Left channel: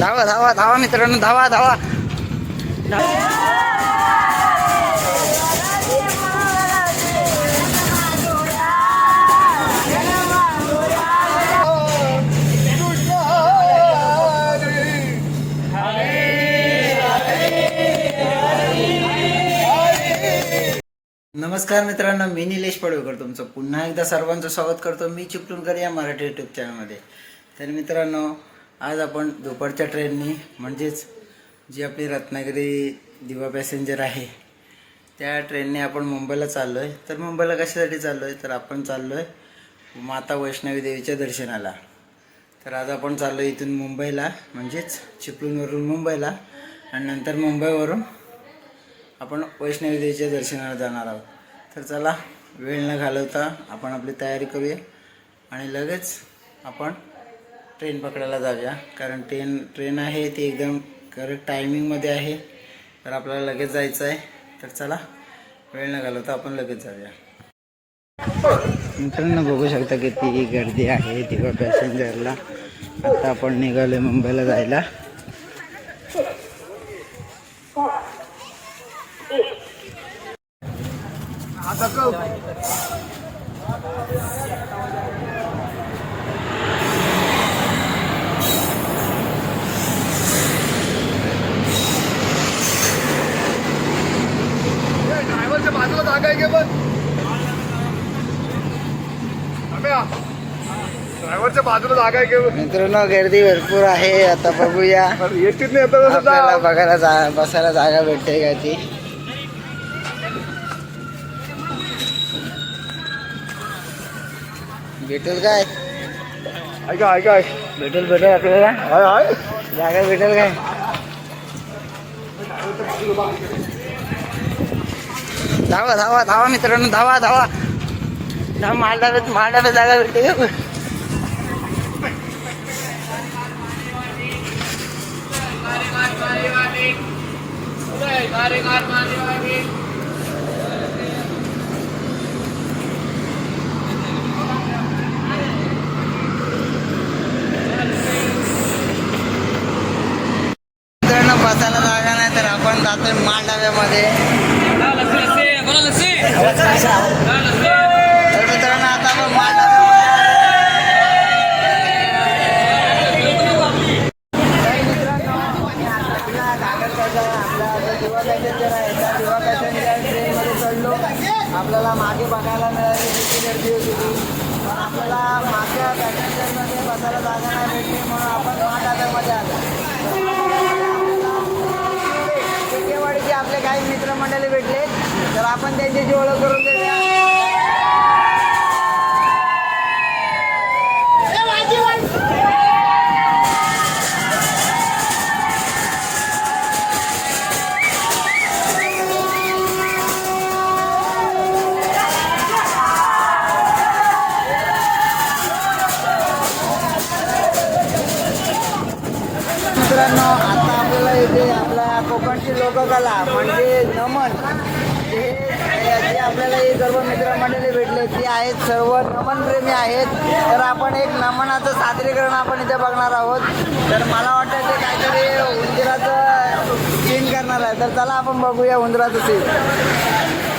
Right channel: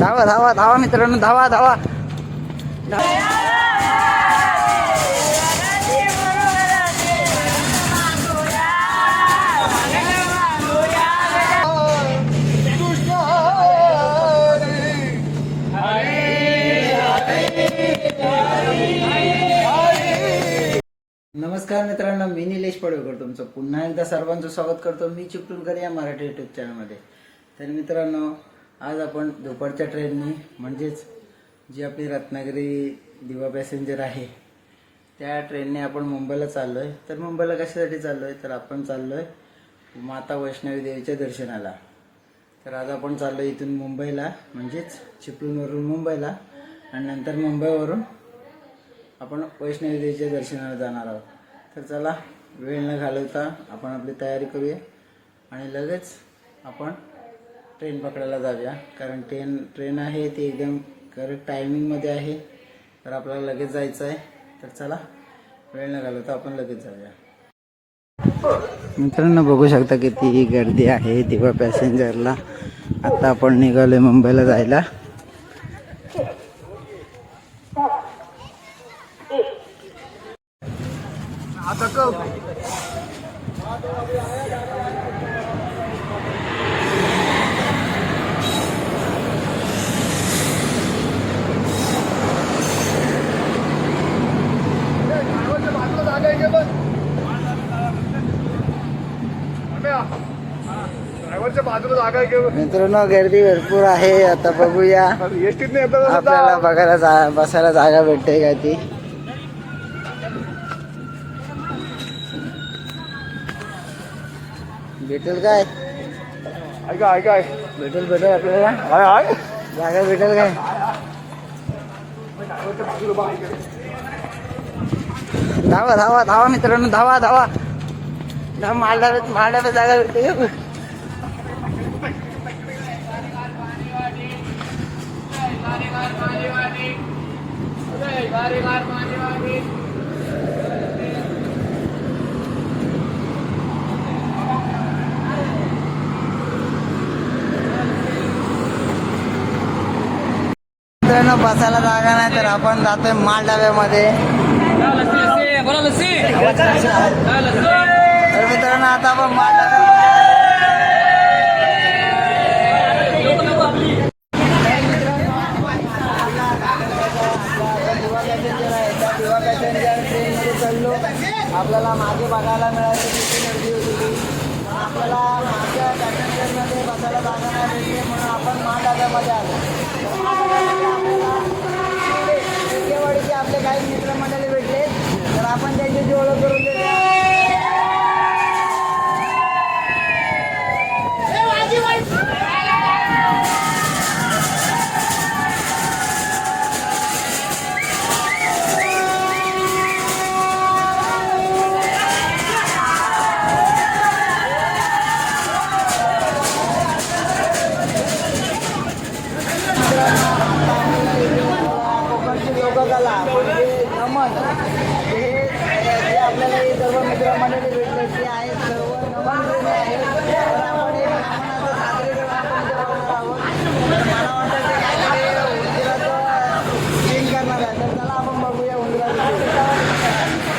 धावा धावा धावा मित्रांनो धावा धावा. नमस्कार मित्रांनो मी निलेश पडवेकर तुमचं पुन्हा एकदा सर्वांचं स्वागत करतो मी चिपळूणकर या मराठी यूट्यूब चॅनलमध्ये तर मित्रांनो आज आपण दुपारच्या ट्रेननी म्हणजेच जी आपली रत्नागिरी दिवा पॅसेंजर आहे त्या ट्रेनने आपण मुंबईला चाललो आहे तर मुंबईला कशासाठी चाललो आहे तर आपण चाललो आहे माता वैष्णवी देवीच्या दर्शनाला. तर आज आपण चाललो इथून मुंबईला म्हणजेच चिपळूणवरून मुंबईला आणि नंतर मुंबईवरून आपण वैष्णवी देवीच्या दर्शनाला जाणार आहोत. तर चला वेळ न घालवता आपण आपली तयारी करूया आणि लगेच आपण ट्रेन पकडायला जाऊया. कारण ट्रेन ट्रेन आहे ती एकदम करेक्ट टायमिंगमध्ये आहे. तर आपल्याला लगेच जायचं आहे. तर चला वेळ न घालवता आपण लगेच जाऊया. मित्रांनो बघू शकता किती गर्दी आहे दिवा पॅसेंजरला आता आपण निघालो मुंबईला जायला. बाजूला जागा मित्रांनो गर्दी भरपूर आहे. आता बघूया. एसटीत नाही आता आपल्याला बघायला जा बसायला जागा भेटते का ती? भेटेल काय? ऐका ऐका. भेटेल भेटेल आपल्याला? हाय हाय. जागा भेटेल काय? धावा धावा धावा मित्रांनो धावा धावा. धावा मालडाव्यात मालडाव्यात जागा भेटते का? मित्रांनो बसायला जागा नाही तर आपण जातोय मालडाव्यामध्ये तर मित्रांनो आता आपण मालडाव्यामध्ये तर मित्रांनो, आपला नागरगावचा आपला आता दिवा पॅसेंजर आहे त्या दिवा पॅसेंजर ट्रेनमध्ये चढलो आपल्याला मागे बघायला मिळाली किती गर्दी होती ती. पण आपल्याला मागच्या पॅसेंजरमध्ये बसायला जागा नाही भेटली म्हणून आपण महाडाव्यामध्ये आलो. शिंदेवाडीचे आपले काही मित्रमंडळी भेटले. तर आपण त्यांच्याशी ओळख करून देऊया. आपल्याला म्हणजे नमन. हे जे आपल्याला हे सर्व मित्रमंडळी भेटलं ते आहेत सर्व नमनप्रेमी आहेत. तर आपण एक नमनाचं सादरीकरण आपण इथे बघणार आहोत. तर मला वाटतं ते काहीतरी उंदराचं सीन करणार आहे. तर चला आपण बघूया उंदराचं सीन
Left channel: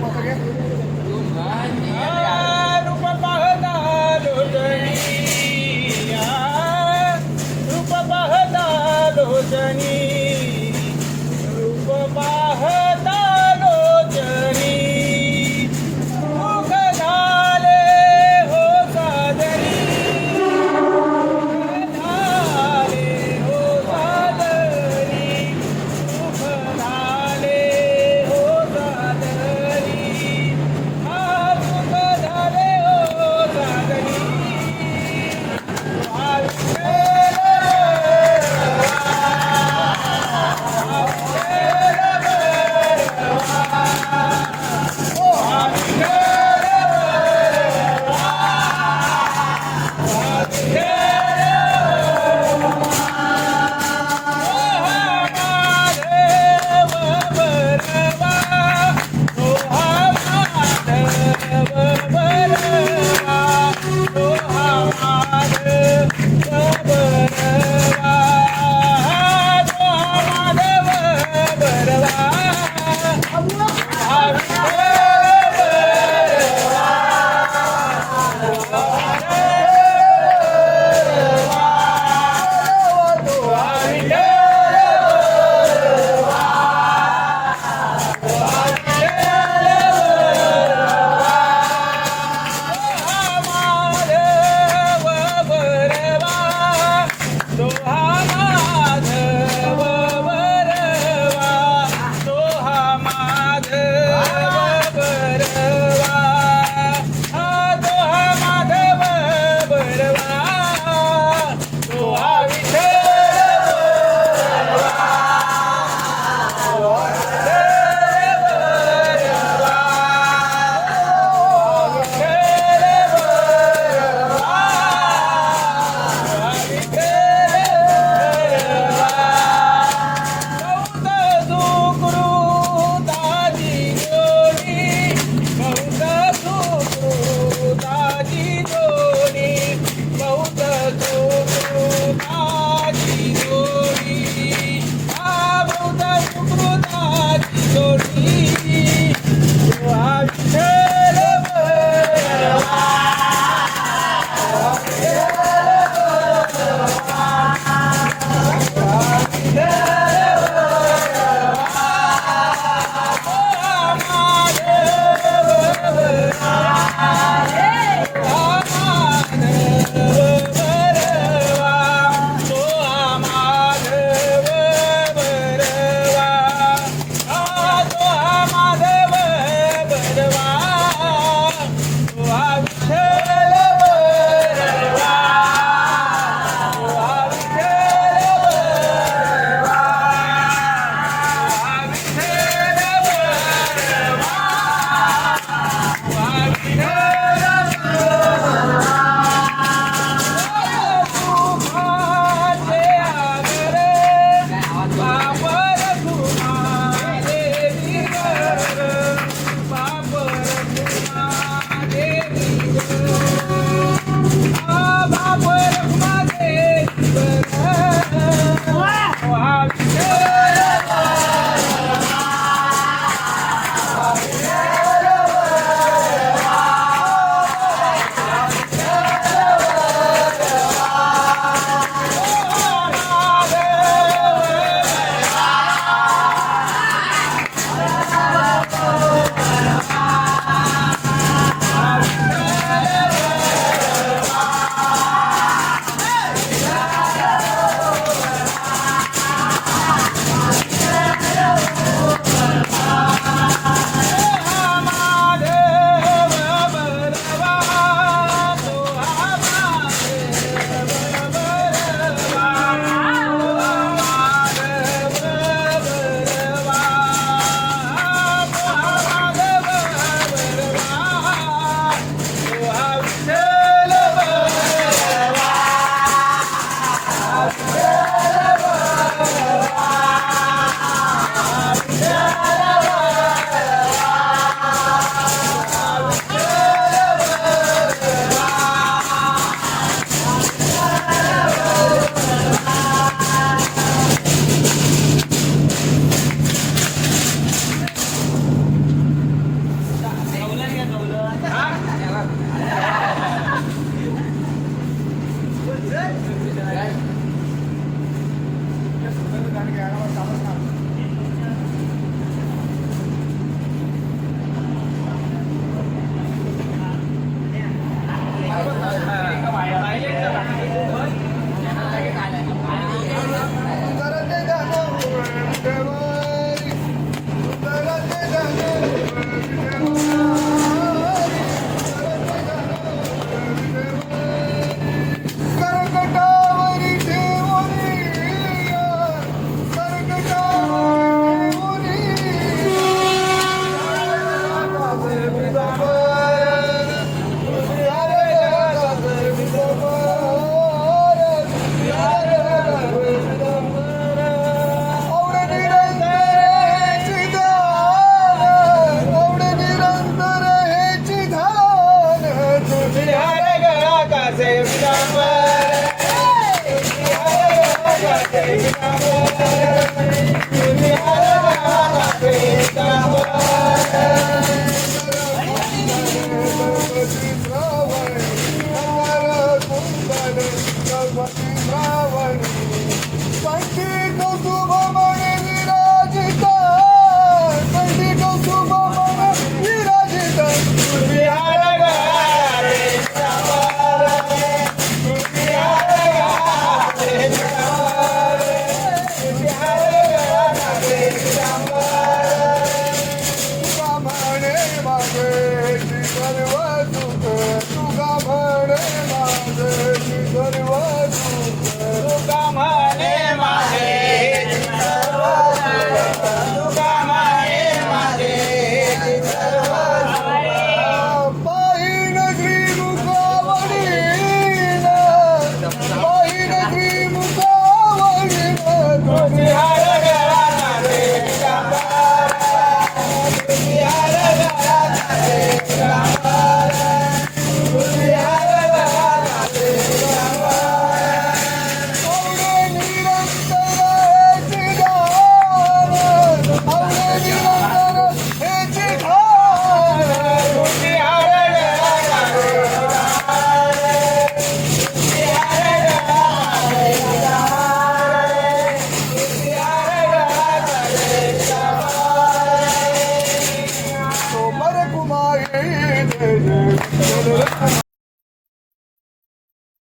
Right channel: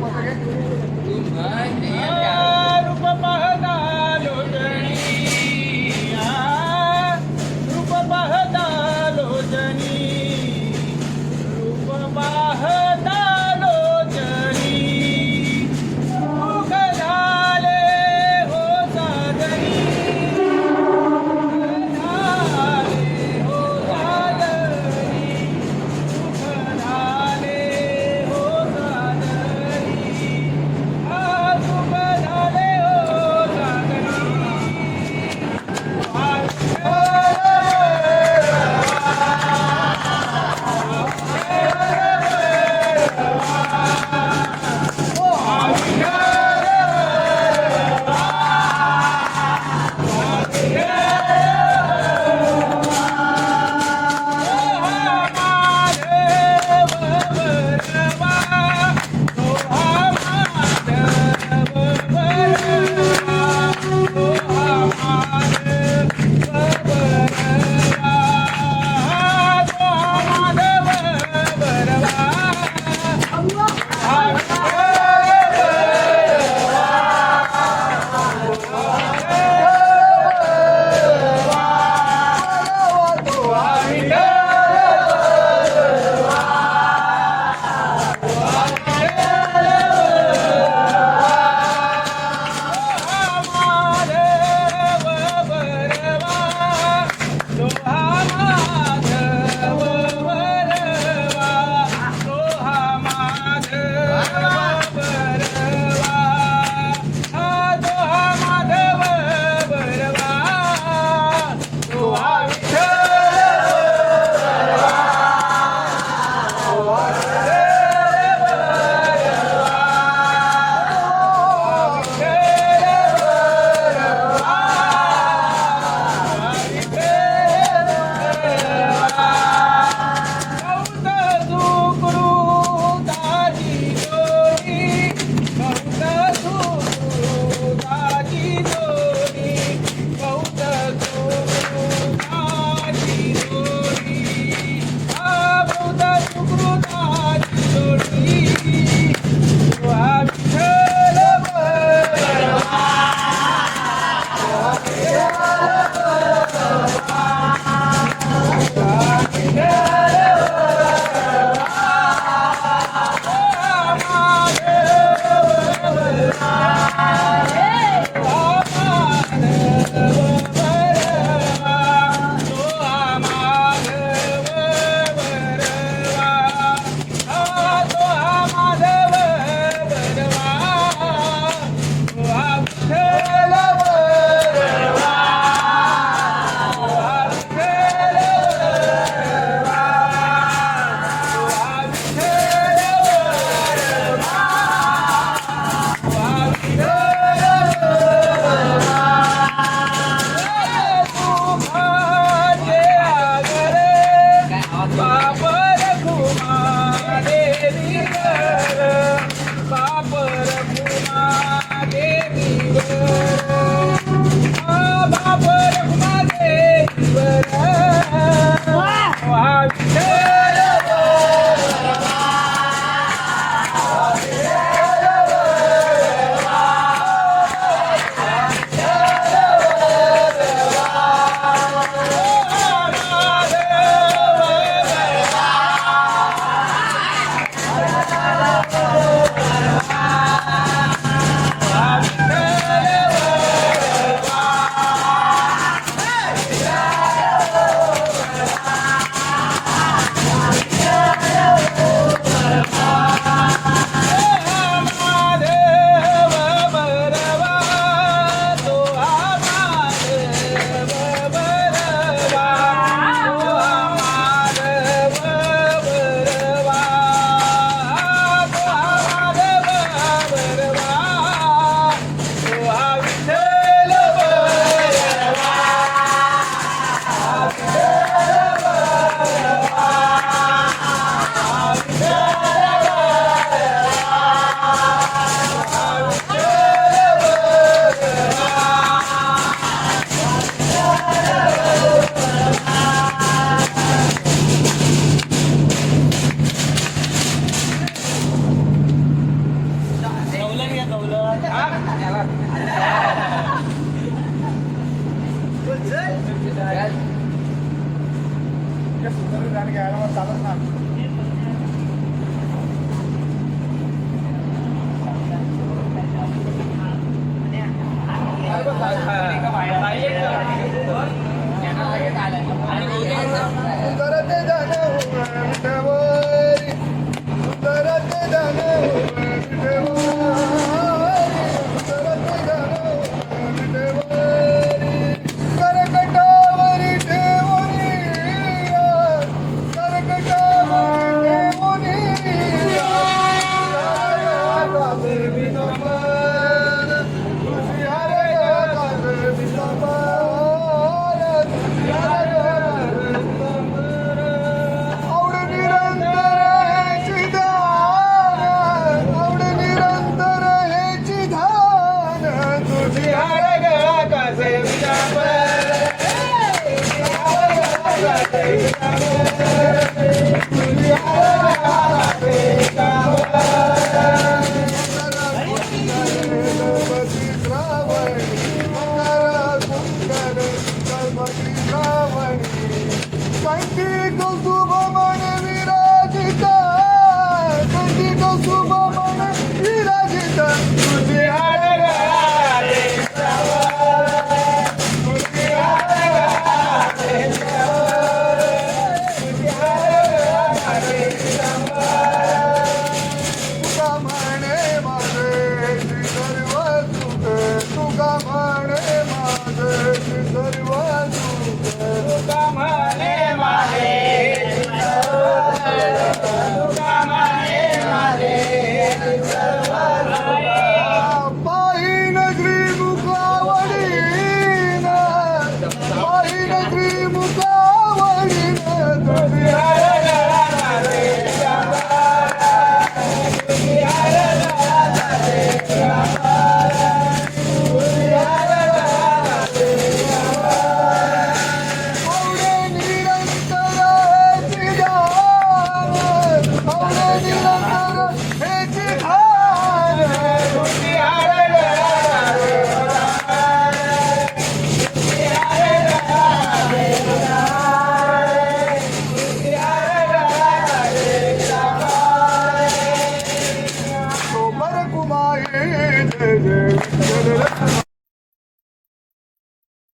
好多人。